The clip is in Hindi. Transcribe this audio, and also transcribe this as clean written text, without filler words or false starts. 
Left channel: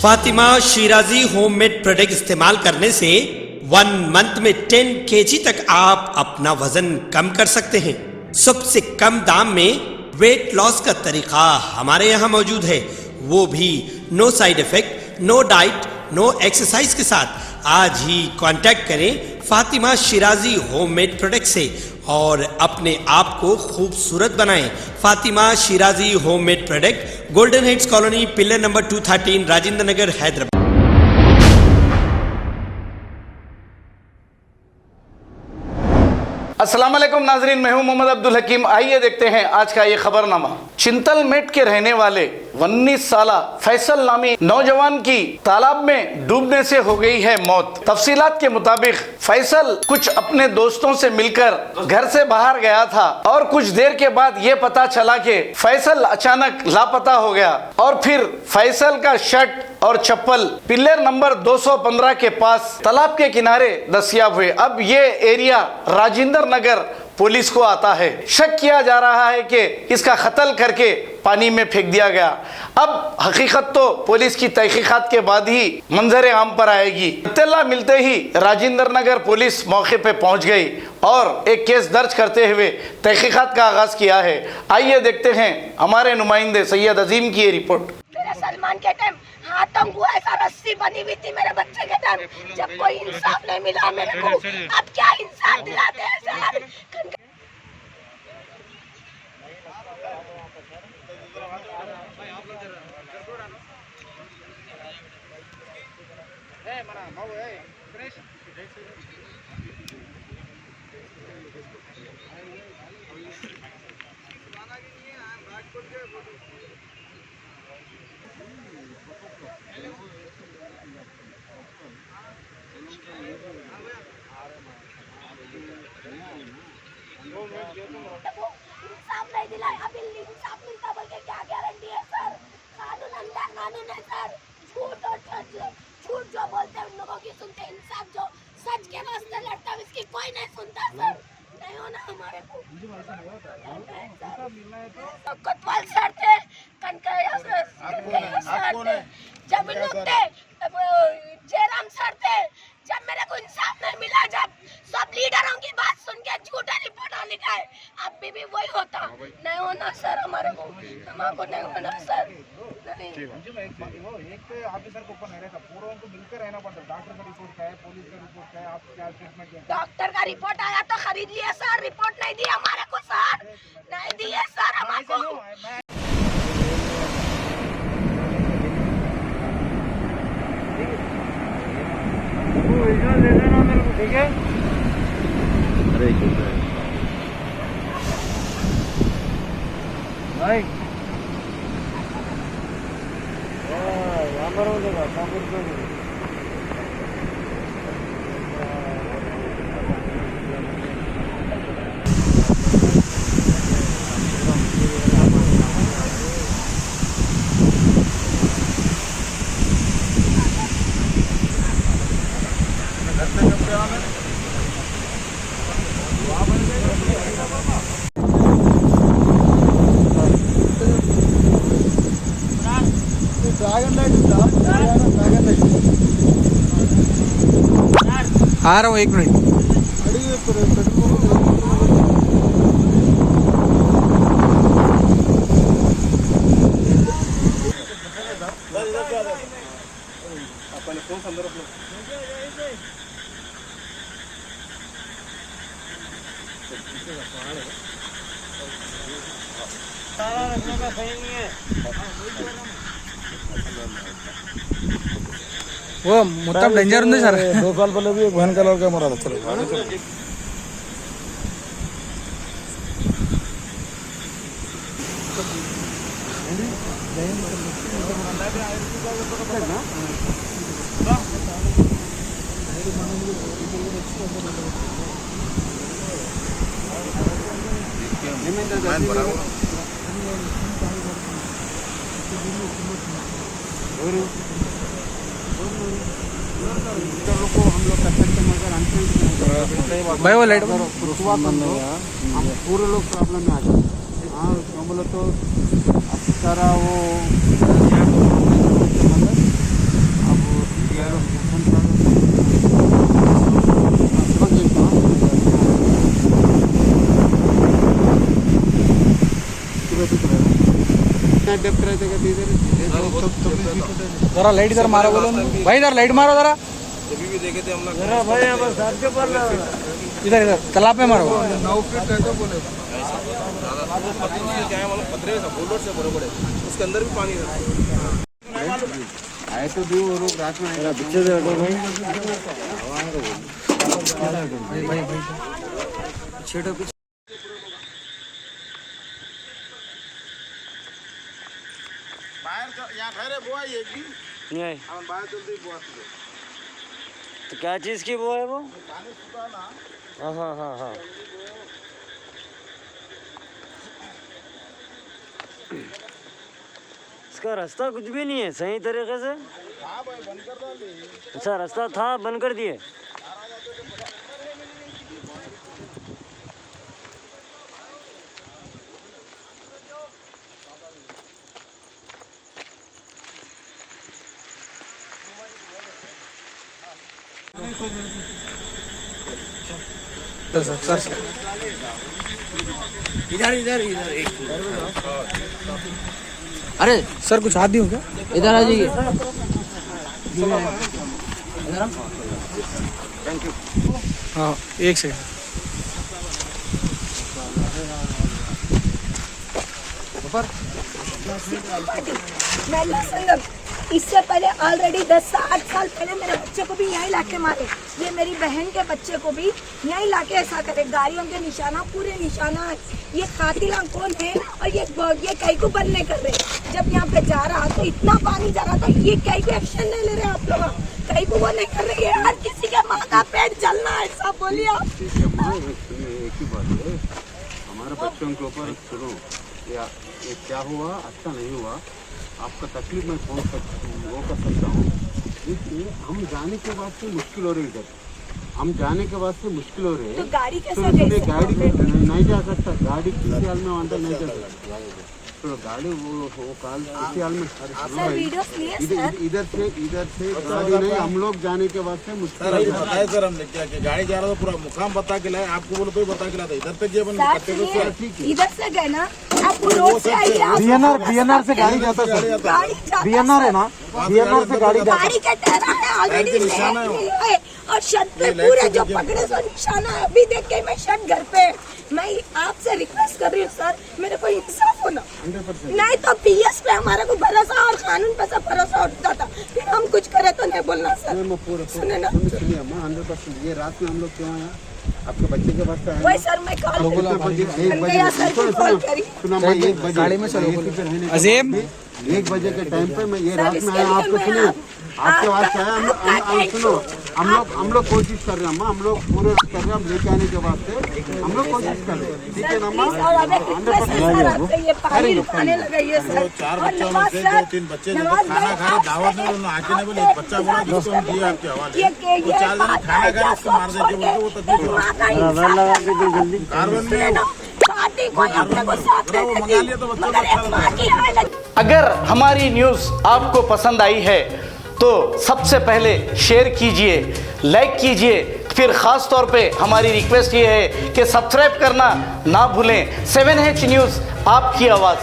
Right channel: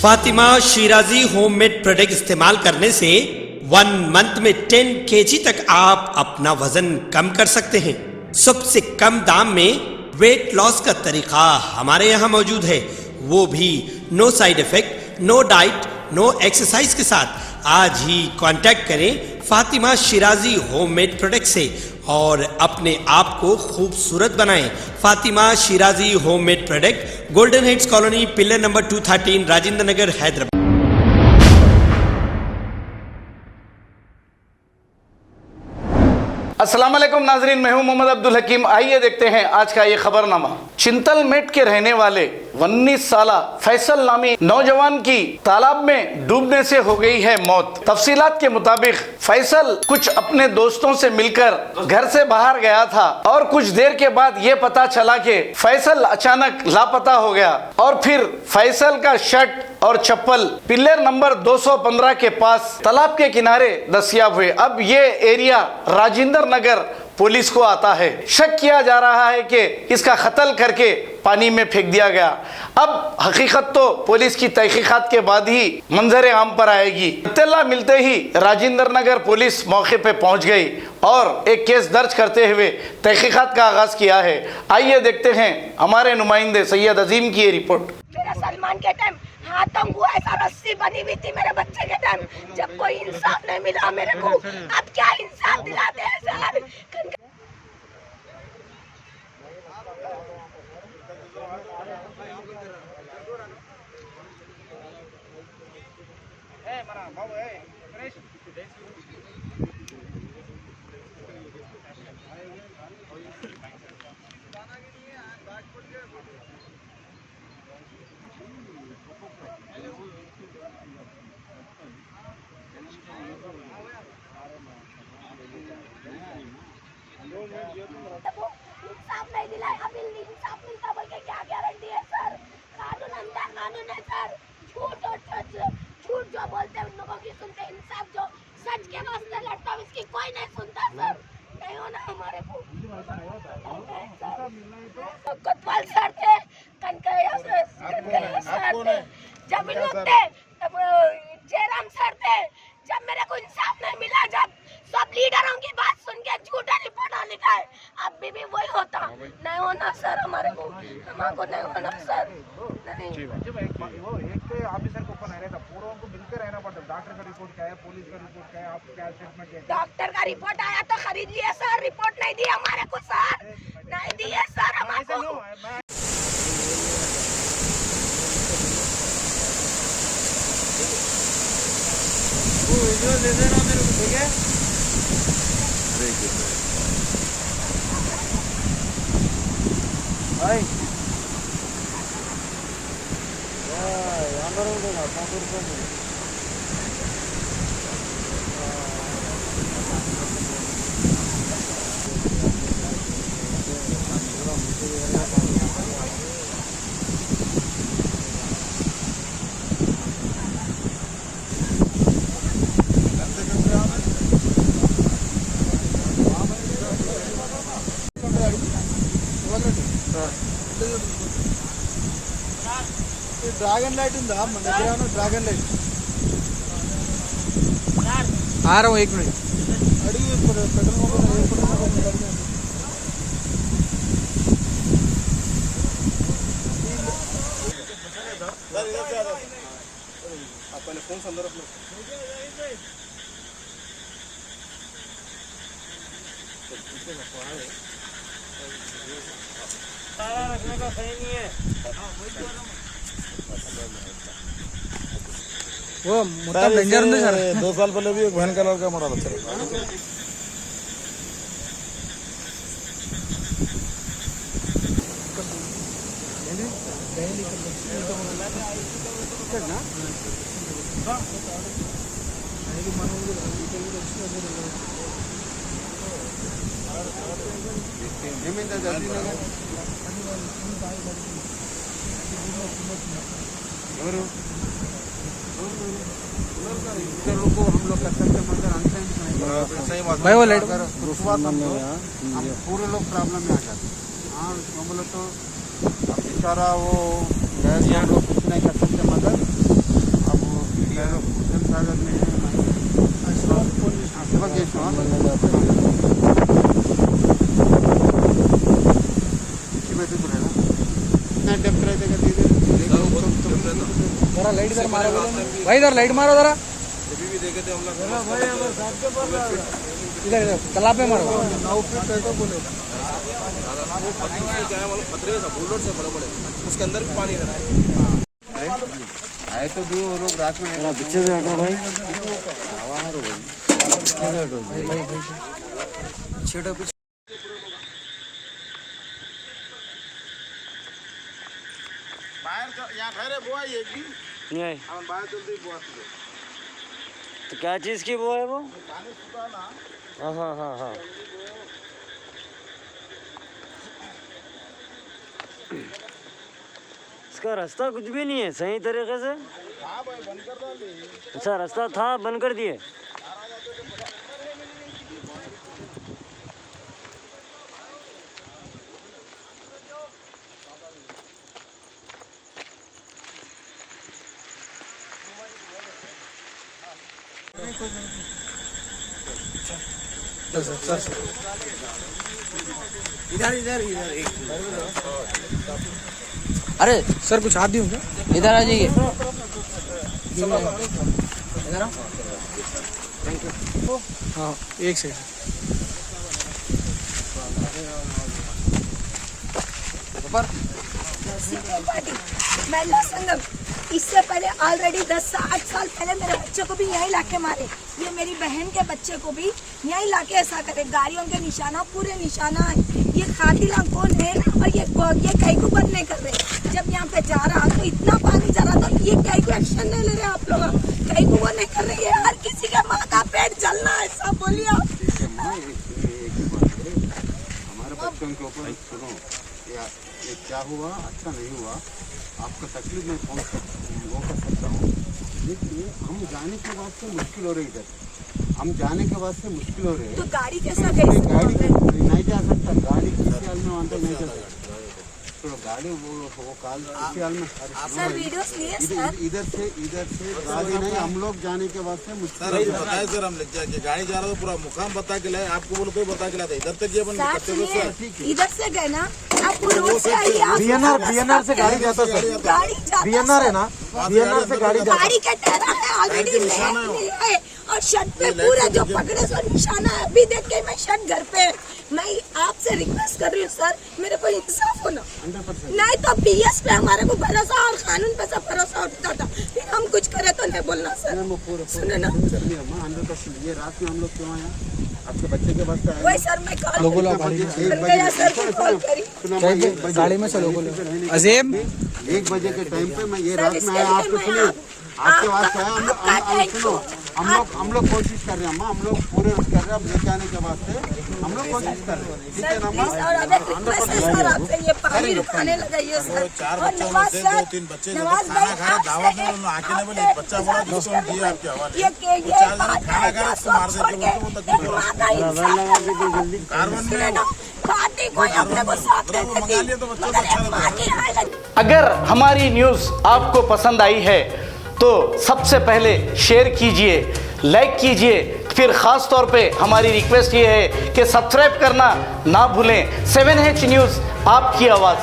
फातिमा शिराजी होममेड प्रोडक्ट इस्तेमाल करने से 1 मंथ में 10 kg तक आप अपना वजन कम कर सकते हैं। सबसे कम दाम में वेट लॉस का तरीका हमारे यहाँ मौजूद है, वो भी no side effect, no diet, no exercise के साथ। आज ही कांटेक्ट करें फातिमा शिराजी होममेड प्रोडक्ट से और अपने आप को खूबसूरत बनाएं। Fatima Shirazi homemade product, golden heads colony, pillar number 213, Rajendra Nagar, Hyderabad. अस्सलाम वालेकुम नाजरीन, मैं हूं मोहम्मद अब्दुल हकीम। आइए देखते हैं आज का ये खबरनामा। चिंतलमेट के रहने वाले 19 साला फैसल नामी नौजवान की तालाब में डूबने से हो गई है मौत। तफसीलात के मुताबिक फैसल कुछ अपने दोस्तों से मिलकर घर से बाहर गया था और कुछ देर के बाद ये पता चला कि फैसल अचानक लापता हो गया और फिर फैसल का शर्ट और चप्पल पिलर नंबर 215 के पास तालाब के किनारे दस्तयाब हुए। अब ये एरिया राजेंद्र नगर पुलिस को आता है। शक किया जा रहा है कि इसका कत्ल करके पानी में फेंक दिया गया। अब हकीकत तो पुलिस की तहकीकात के बाद ही मंजर आम पर आएगी। इत्तला मिलते ही राजेंद्र नगर पुलिस मौके पे पहुंच गई और एक केस दर्ज करते हुए तहकीकात का आगाज किया है। आइए देखते हैं हमारे नुमाइंदे सैयद अजीम की ये रिपोर्ट। सलमान के टाइम हाथम हुआ, ऐसा रस्सी बनी हुई थी मेरे बच्चे के टाइम, जब कोई इंसाफ नहीं मिला मेरे को। अब क्या इंसाफ दिलाते हैं सर? इंसाफ नहीं दिलाए, अभी इंसाफ मिलता बोल के क्या गारंटी है सर? कानून अंदर कानून है सर। झूठ और झूठ जो बोलते हैं उन लोगों की सुनते, इंसाफ जो सच के वास्ते लड़ता है इसकी कोई नहीं सुनता सर। नहीं होना हमारे को। कोतवाल सर थे, कनकैया सर थे, जमीन थे, जयराम सर थे। जब मेरे को इंसाफ नहीं मिला, जब सब लीडरों की बात सुन के झूठा रिपोर्ट लिखा है, अब भी वही होता। नहीं होना सर, हमारे को नहीं होना सर। नहीं एक तो ऑफिसर को ऊपर नहीं रहता, पूरा उनको मिलकर रहना पड़ता। डॉक्टर का रिपोर्ट क्या है, पुलिस का रिपोर्ट क्या है, आप क्या स्टेटमेंट देंगे? डॉक्टर का रिपोर्ट आया तो खरीद लिया सर, रिपोर्ट नहीं दी हमारे को सर, नहीं दिए सर हमारे को। ड्रैगन लाइट ड्रैगन लाइट आ रहा हूँ, 1 मिनट। अपने फोन संदर्भ वो मोटा डेंजर नहीं सर। 2 साल पहले भी एक बहन का लड़का मरा था। भाई वो लाइट पूरे लोग प्रॉब्लम में आ जाते। हाँ बोले तो सारा वो मदद जरा लाइट इधर मारो बोलो भाई, इधर लाइट मारो जरा, इधर इधर तालाब में मारो। उसके अंदर भी पानी आए तो दो लोग रात में बच्चे दे दो भाई भाई भाई छेड़ो कुछ। बाहर यहाँ ठहरे बुआ एक भी नहीं हम बाहर जल्दी बुआ तो क्या चीज़ की वो है वो? पानी सुखा ना हाँ हाँ हाँ हाँ। इसका रास्ता कुछ भी नहीं है सही तरीके से। हाँ भाई बंद कर दो। अच्छा रास्ता था बंद कर दिए। इधर इधर इधर एक अरे सर कुछ हाथ दूं क्या? इधर आ जाइए। हाँ एक सेकंड। महिला संगम इससे पहले ऑलरेडी 10-8 साल पहले मेरे बच्चे को भी यही लाके मारे, ये मेरी बहन के बच्चे को भी यही लाके ऐसा करे। गाड़ियों के निशाना पूरे निशाना है। ये कातिला कौन है और ये कई को बंद नहीं कर रहे। जब यहाँ पे जा रहा तो इतना पानी जा रहा था, ये कई को एक्शन नहीं ले रहे आप लोग, कई को वो नहीं कर रही है। हर किसी का माँ का पेट जलना है, सब बोलिए आप। हमारे बच्चों के ऊपर सुनो, ये क्या हुआ अच्छा नहीं हुआ, आपका तकलीफ मैं वो कर सकता हूँ, लेकिन हम जाने के बाद से मुश्किल हो रही है। इधर हम जाने के बाद से मुश्किल हो रही है। तो गाड़ी कैसा तो गई? गाड़ी नहीं जा सकता, गाड़ी किसी हाल में वहाँ नहीं जा सकता। तो गाड़ी वो काल किसी हाल में सर वीडियोस लिए सर। इधर से गाड़ी नहीं, हम लोग जाने के बाद से मुश्किल। सर अभी बताए सर हमने क्या कि गाड़ी जा रहा था पूरा मुकाम बता के लाए, आपको बोलो तो ही बता के लाता। इधर तक ये बन इधर से गए ना आप रोड से आइए। बीएनआर से गाड़ी जाता सर, बीएनआर है ना, बीएनआर से गाड़ी जाता। गाड़ी का टहरा है ऑलरेडी है और छत पे पूरे जो पकड़े सो निशाना है। अभी देख के मैं छत घर पे, मैं आपसे रिक्वेस्ट कर रही हूँ सर, मेरे को इंसाफ होना। नहीं तो पीएस पे हमारे को भरोसा और कानून पे सब भरोसा उठता था, फिर हम कुछ करे तो नहीं बोलना सर। सुने ना 100%। ये रात में हम लोग क्यों हैं? आपके बच्चे के पास वही सर मैं कॉल गाड़ी में चलो अजीम 1 बजे के टाइम पे मैं ये रात में आया। आपको सुनिए आपके पास आया। सुनो हम लोग कोशिश कर रहे हैं अम्मा, हम लोग पूरे कर रहे हैं। अब लेके आने के बाद से हम लोग कोशिश कर रहे हैं, ठीक है ना अम्मा? और अब एक रिक्वेस्ट है सर आपसे, ये पानी रुकाने लगाइए सर। 4 और बच्चे नवाज थे, सर, 2-3 बच्चे नवाज भाई दावत में उन्होंने आके नहीं बोले, बच्चा बोला जिसको हम दिए आपके हवाले। वो 4 जने खाना खाया उसको मार देते, वो तकलीफ हो रहा। अगर हमारी न्यूज़ आपको पसंद आई है तो सबसे पहले शेयर कीजिए, लाइक कीजिए, फिर ख़ास तौर पे हमारी रिक्वेस्ट ये है कि सब्सक्राइब करना ना भूलें। 7H न्यूज़, आपकी आवाज़।